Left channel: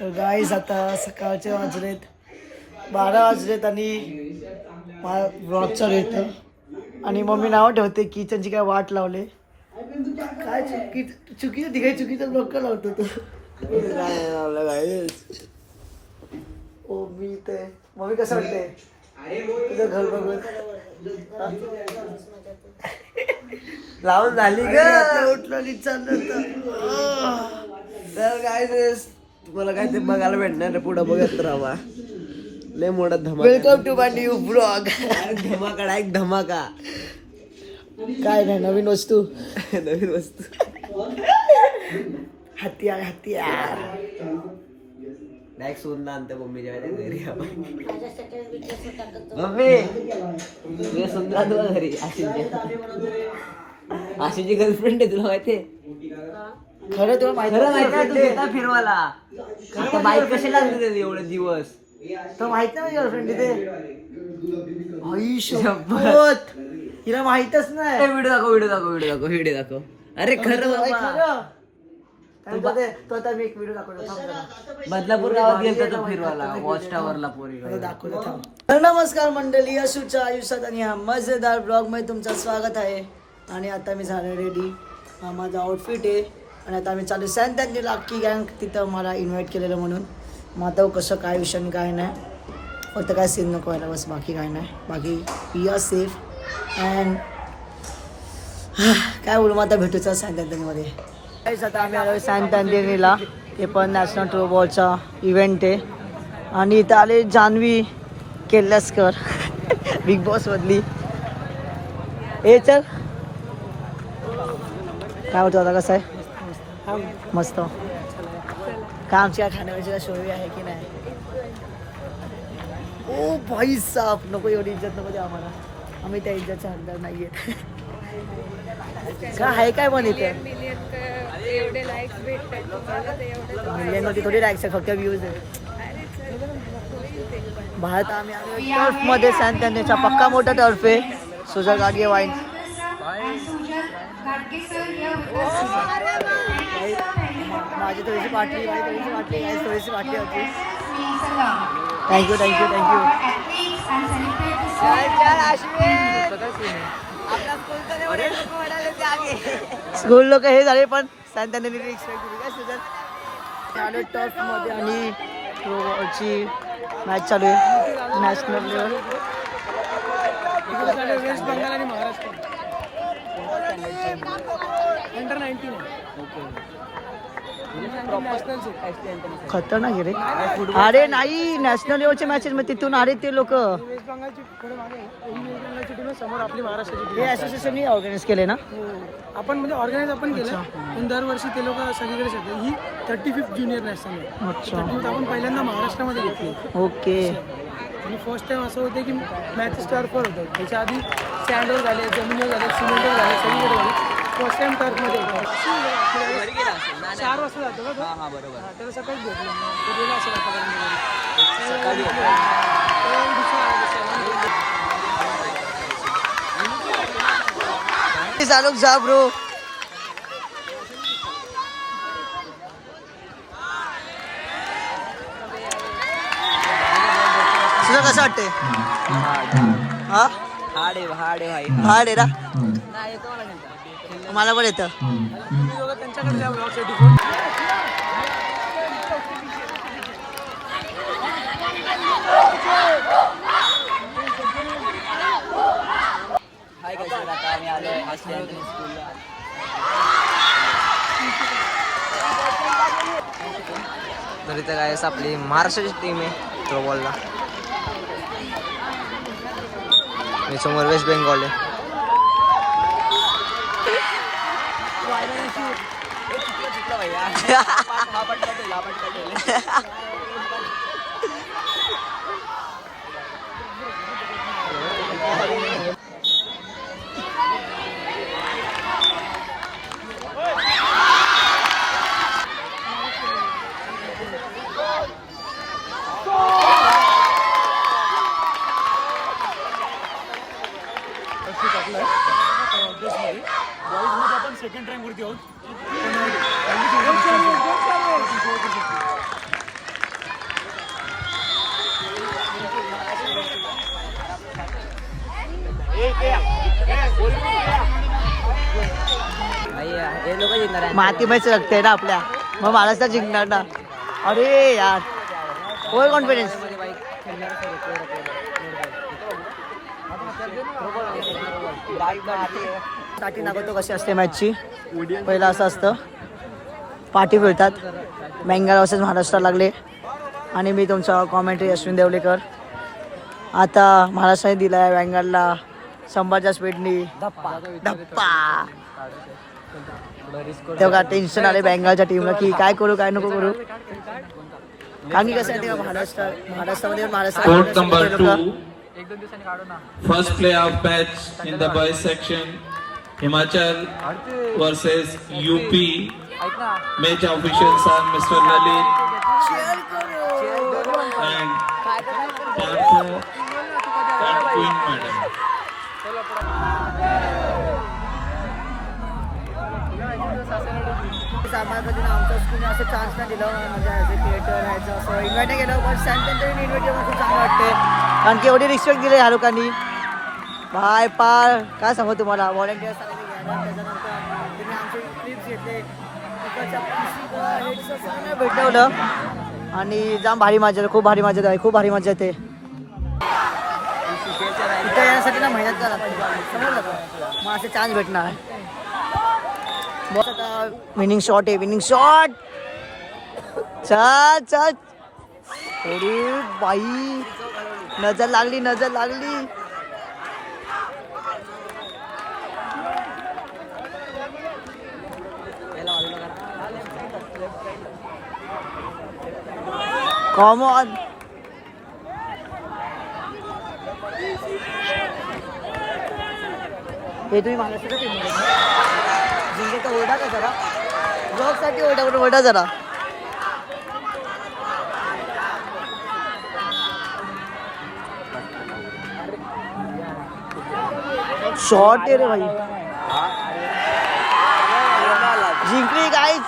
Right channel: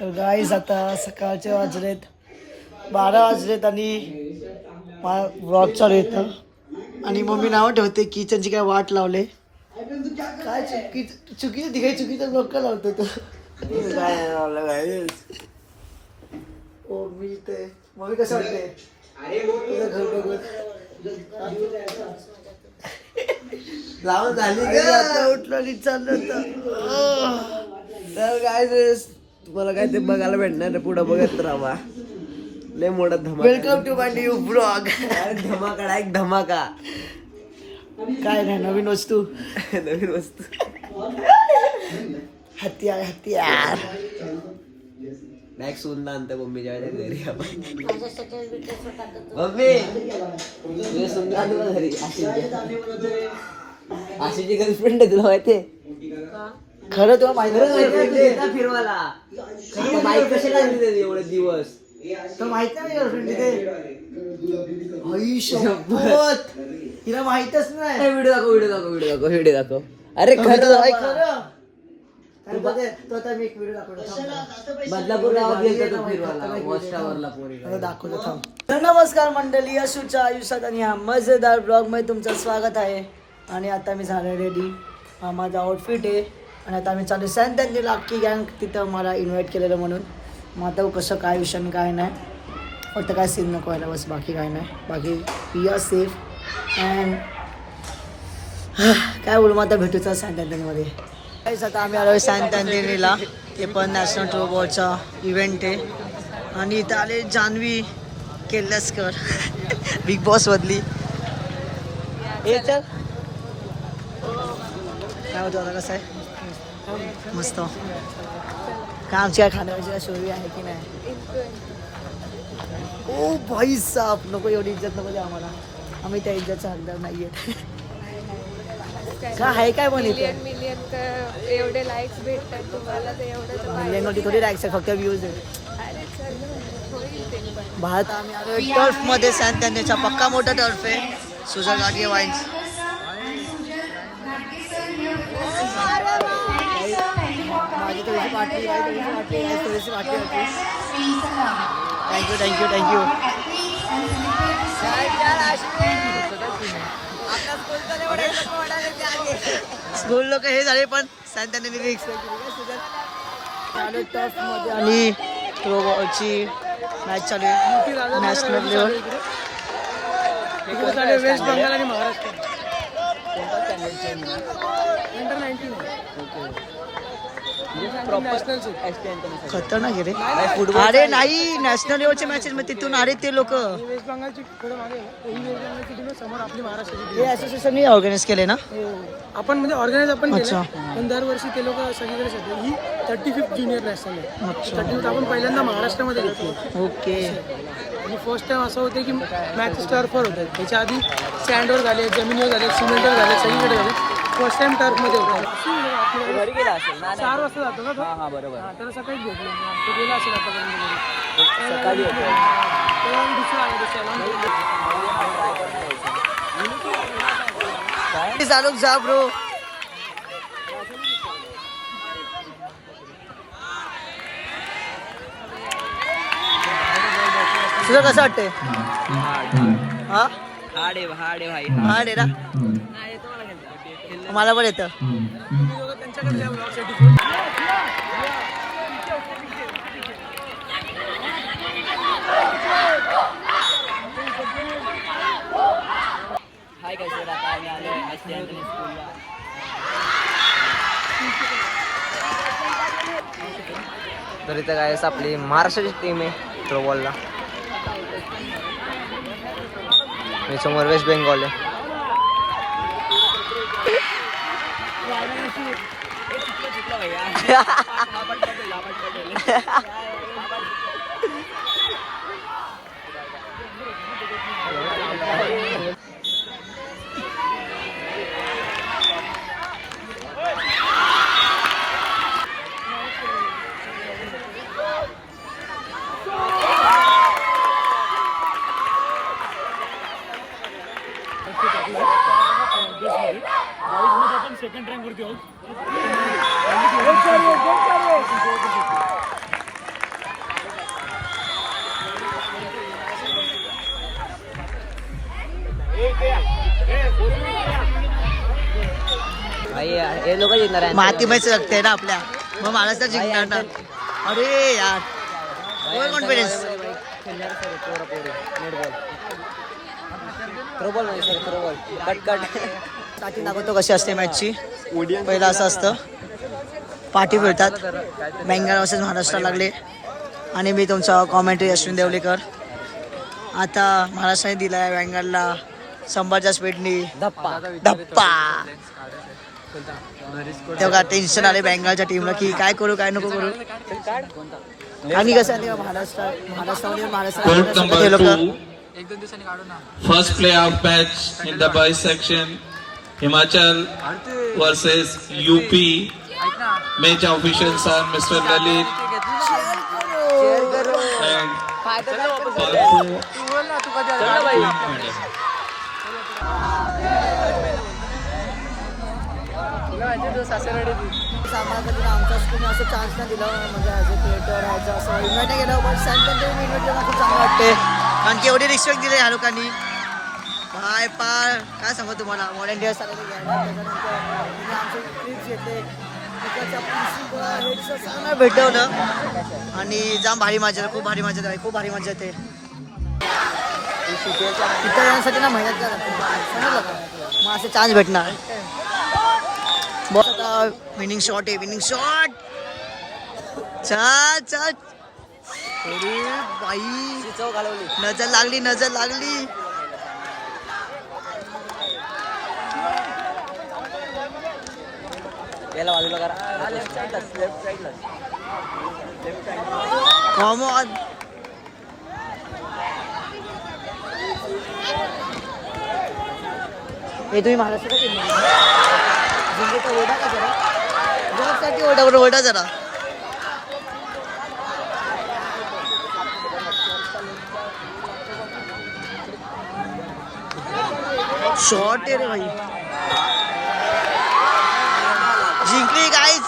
तर गाईज आता सकाळचे वाजलेत 12 वाजलेत आणि व्लॉग चालू येतं आणि मम्मी नाव ठेवते किचनची काय वाट लावले काय चुकीचं ती काही चुकीचं ब्लॉग का लावतो तू काय लावलं गाईज ओ मी ते मम्मी कसं वाटते तुझं घर बघत लावून झाली उठलं चाललं तर काय तुम्हाला काय ते बघायला भेटणार पुढं बघत राहा लय मोठा धमाका welcome to my new blog धमाका एक धमाका काय नाही नवीन वस्तू हत्यार नाही सुंदर आणतं मम्मीच्या घरी आपण मम्मी सुंदर घरी आशीची गर्लफ्रेंड आहे तुला माहितीये खरं तुला माहिती फिरवायला खरं माहिती कशी लागली एवढं दिवस तर माहित नाही गर्लफ्रेंड तिथे आई शपथ तिला माहितच नाही व्हिडिओ दाखव अरे खरं खरं तो आता मी एक व्हिडिओ दाखवतो तर नमस्कार मंडळी अशूच्या आयुष्यात आणि ह्या मजेदार ब्लॉग मध्ये तुमचं स्वागत आहे आणि आता मी झालं रेडी हा माझा आउटफिट आहे आणि आता आम्ही चालू सॅन अख्खी गँग तिथं मला इन्व्हाइट केलेलं म्हणून मग आता कसं काय विषय काय नाही फक्त काय सीन नको व्हायला बस बाकी काय नाही बाकी वी आर सेफ अँड काय बोलू मग आता भेटूचा सॅन आता आम्ही आलो सॅन ते पण नॅशनल थ्रोबॉलचा इव्हेंट आहे आणि इथं आले जान्हवी केल्लास्कर बिग बॉस मधली हे चल काय होतं आता कसं आहे मस्त काय आमची काय खाण्याची काय सोयी आहे की नाही ओ भाई साप नको एवढी इज्जत नको द्या आम्हाला आम्ही त्या इज्जतचा हकदार नाही आहेत काय आहे काय पण इथे मिलियन मध्ये थोडी लाईक्स आहे फक्त व्ह्यूज आहेत भारत आम्ही आलो टर्फ मध्ये सॅन त्यांचा पक्का मोठा टर्फ आहे सुजल गाडगे वाईन्स माझी थोडीशी पाटली थोडीशी वाटली होती थँक्यू स्कूल लोक हे झाले पण सॅन चालू टर्फ मध्ये आणि थ्रोबॉलची मॅच चालू आहे नॅशनल लेवल वेस्ट बंगाल आणि महाराष्ट्र अंडर 19 खतरनाक आहे रे अरे नाही नॅशनल लेवलचे मॅचेस मग तिथून अरे ते लोक हे असोसिएशनने ऑर्गनाईज केले ना आपण म्हणजे ऑर्गनाईज आपण केलं पण दरवर्षी ते लोक सगळीकडे जातात ही 35th ज्युनियर नॅशनल आहे अच्छा आपण पहिल्यांदा महाराष्ट्रामध्ये घेतली ओके आणि फर्स्ट टाइम असं होतं की मॅचेस टर्फवर होतात त्याच्या आधी सँडवर झाले जमिनीवर झाले सिमेंटवर झाले सगळीकडे झाले फर्स्ट टाइम टर्फमध्ये होतं 4 वाजता जातो ना तर सकाळीच भेटलो गेला असेल सकाळी चालू जा ब्रो तुझं कसं वाटतंय हा हाड आहे ना मला पण येतं हाय काय सर आता आम्ही आलो स्कूलला तर इथं काय आपली महाराष्ट्राची टीम आहे थ्रोबॉलला समोर वेस्ट बेंगॉल आहे बॉईजमध्ये आपण सेकंड रँकवरती आहोत. मातीमयच रक्ते ना आपल्या, मग महाराष्ट्र जिंकणार ना. अरे यार ओव्हर कॉन्फिडन्स. स्टार्टिंग दाखवतो कशी असते मॅचची. पहिलं असं असतं, पाठी फिरतात. बेंगाल वर्सेस महाराष्ट्र लागले आणि मी तुमचा कॉमेंट्री अश्विन देवलेकर. आता महाराष्ट्राने दिला आहे बेंगालला शंभरच्या स्पीडनी धप्पा. तेव्हा टेन्शन आले बेंगालच्या टीमला की काय करू काय नको करू. कारण की कसं आहे तेव्हा महाराष्ट्रामध्ये हे लोक. First playoff match in the boys section, Himachal versus UP. Match officials are Mr. Lalit and Parko Queen Madam. आम्हाला कधी आमच्या स्कूलने असं चान्स नाही दिलं, म्हणजे ॲज अ क्रिएटर ह्याचं असं इन्व्हाइट नाही केलं. पण सॅमटन इन्व्हाइट केलं खूप चांगलं वाटते, कारण की एवढी रिस्पेक्ट दिली ह्या लोकांनी. बाय पार काय सांगू तुम्हाला, व्हॉलेंटियर्स आलेले घ्यायला. त्याच्यानंतर त्यांनी आमचे क्लिप्स घेतले, तिकडच्या प्रिन्सिपल हेडचं सगळ्यांना भेटवलं आणि जाम भारी मजा येते. खूप भारी मजा येते, खूप भारी मजा येते. तिथं येण्यासाठी ना मेहनत करा लागते, समजलं का. मग असे चान्स भेटणार. बॉस आता विनिंग शॉट आहे, विनिंग शॉट. चल चल. अरे बाई नजर लागली, नजर लागली. Com on. हे तुम्ही महाराष्ट्र का टीममध्ये जिंकेचा ओढा का जरा, जॉबसाठी ओढा जरा. शॉट आहे रे भाई. जिंकली गाईज.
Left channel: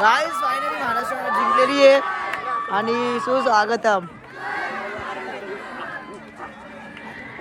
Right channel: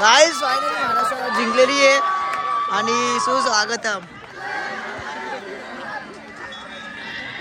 गाईज फायनली महाराष्ट्र जिंकलेली आहे आणि सुस्वागतम.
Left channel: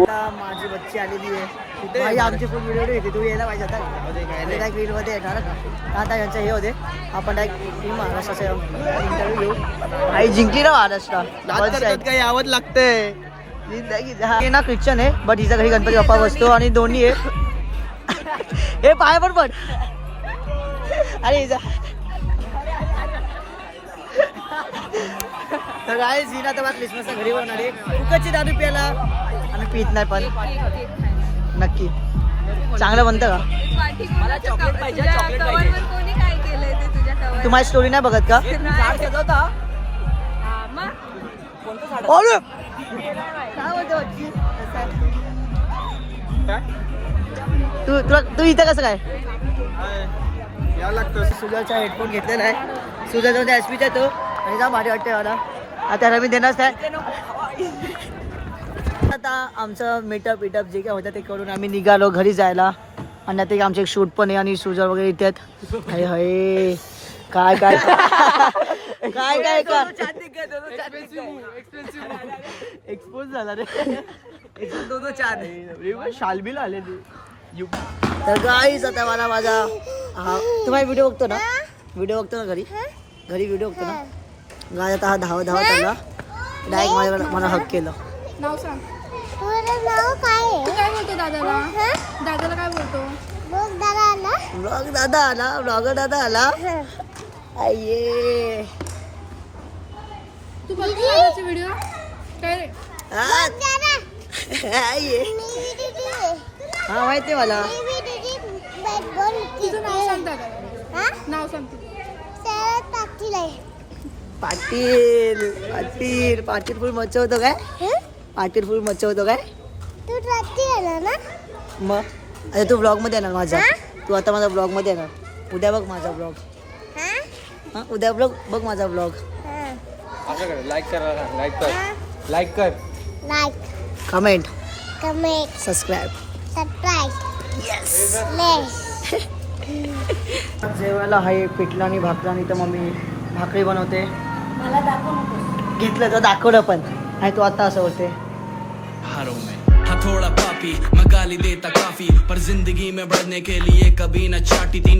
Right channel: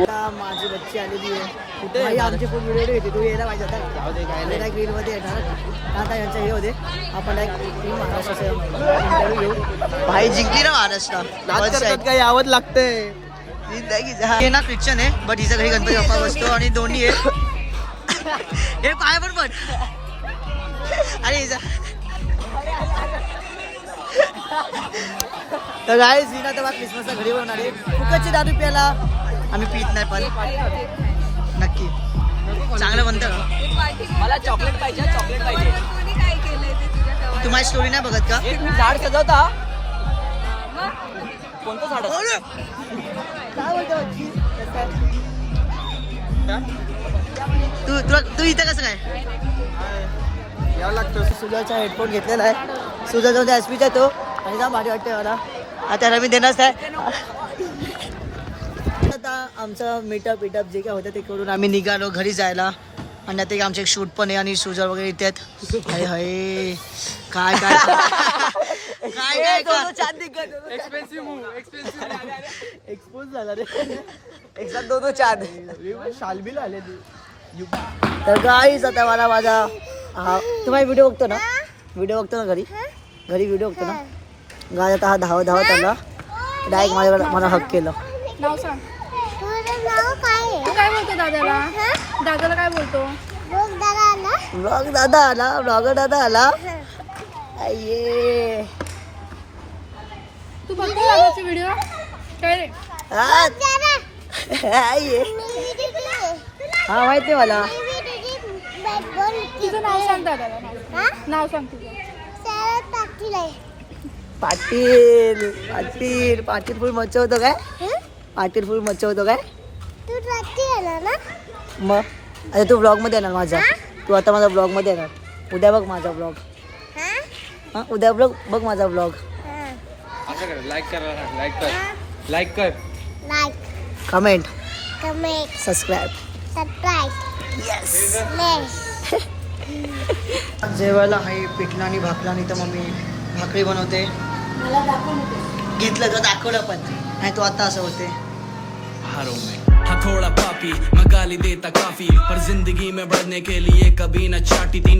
माझी बच्ची आलेली आहे कुठे भाई. आमची फुल व्हिडिओ घेते, तू यायला पाहिजे होता का. डायरेक्ट रीलमध्ये येणार का. आता यांचं हे होते, आपण डायरेक्ट टीम महाराष्ट्राचा इंटरव्ह्यू घेऊ. भाई जिंकली ना महाराष्ट्र. काही यावं लागतंय. हे ना ख्रिश्चन आहे, बट हिच्या घरी गणपती बाप्पा बसतो आणि दोन्ही आहे. हे पाय पण अरे हिचा. तर काय झीना तेव्हा क्रिसमसला घरी बनवणार आहे. फुकटची दारू प्यायला आम्ही पित नाही, पण नक्की चांगलं बनतं का. तू माझी स्टोरी नाही बघत का. काय बोलतो बच्ची. तू इथं कसं काय यावं लागतं. सुजाचा हेडफोन घेतलेला आहे. सुजा जाऊन एसपीचा तो आणि जा भारी वाटते मला. आता मी देणारच आहे. आता आमचं मीटअप जे काय होतं ते करून आम्ही निघालो घरी जायला. आणि आता आमचे एक शूट पण आहे आणि सुजा वगैरे येतात. हाय हाय काय काय काय काय काय एक्सपोज झाला रे. एक्झाम दोन चांद शालबील आले. तर गाईज आता मला माझा तुम्हाला व्हिडिओ बघतो ना, व्हिडिओ बघतो ना घरी व्हिडिओ बघतो ना. गाय आता हा धावत आला डायरेक्ट माझ्याकडे मला हक केलं. नाव सांग. तू काय बोलतो दादाला. दादाला काय बोलतो. ब्लॉग दादा आला. अये तू बघतो दादाचे व्हिडिओ काय रे. हा माहिती मला. तुझं नाव सांग दादाला. नाव सांग तुझं. पाटील फुल मचवतो काय. पाटील फुल मचवतो काय. मग आता तू ब्लॉग मध्ये येणार माझा. तू आता माझा ब्लॉग मध्ये येणार. उद्या बघ माझा ब्लॉग. हा उद्या बघ माझा ब्लॉग. लाईक कर. Comment subscribe. येस. जेवायला आहे पिठला आणि भाकरा. आणि तर मम्मी भाकरी बनवते. घेतलं तर दाखवलं पण आणि तू आता असं होते. हारों में। हाँ थोड़ा पापी मैं गाली देता काफी, पर जिंदगी में बढ़ने के लिए कभी न चाटी। 3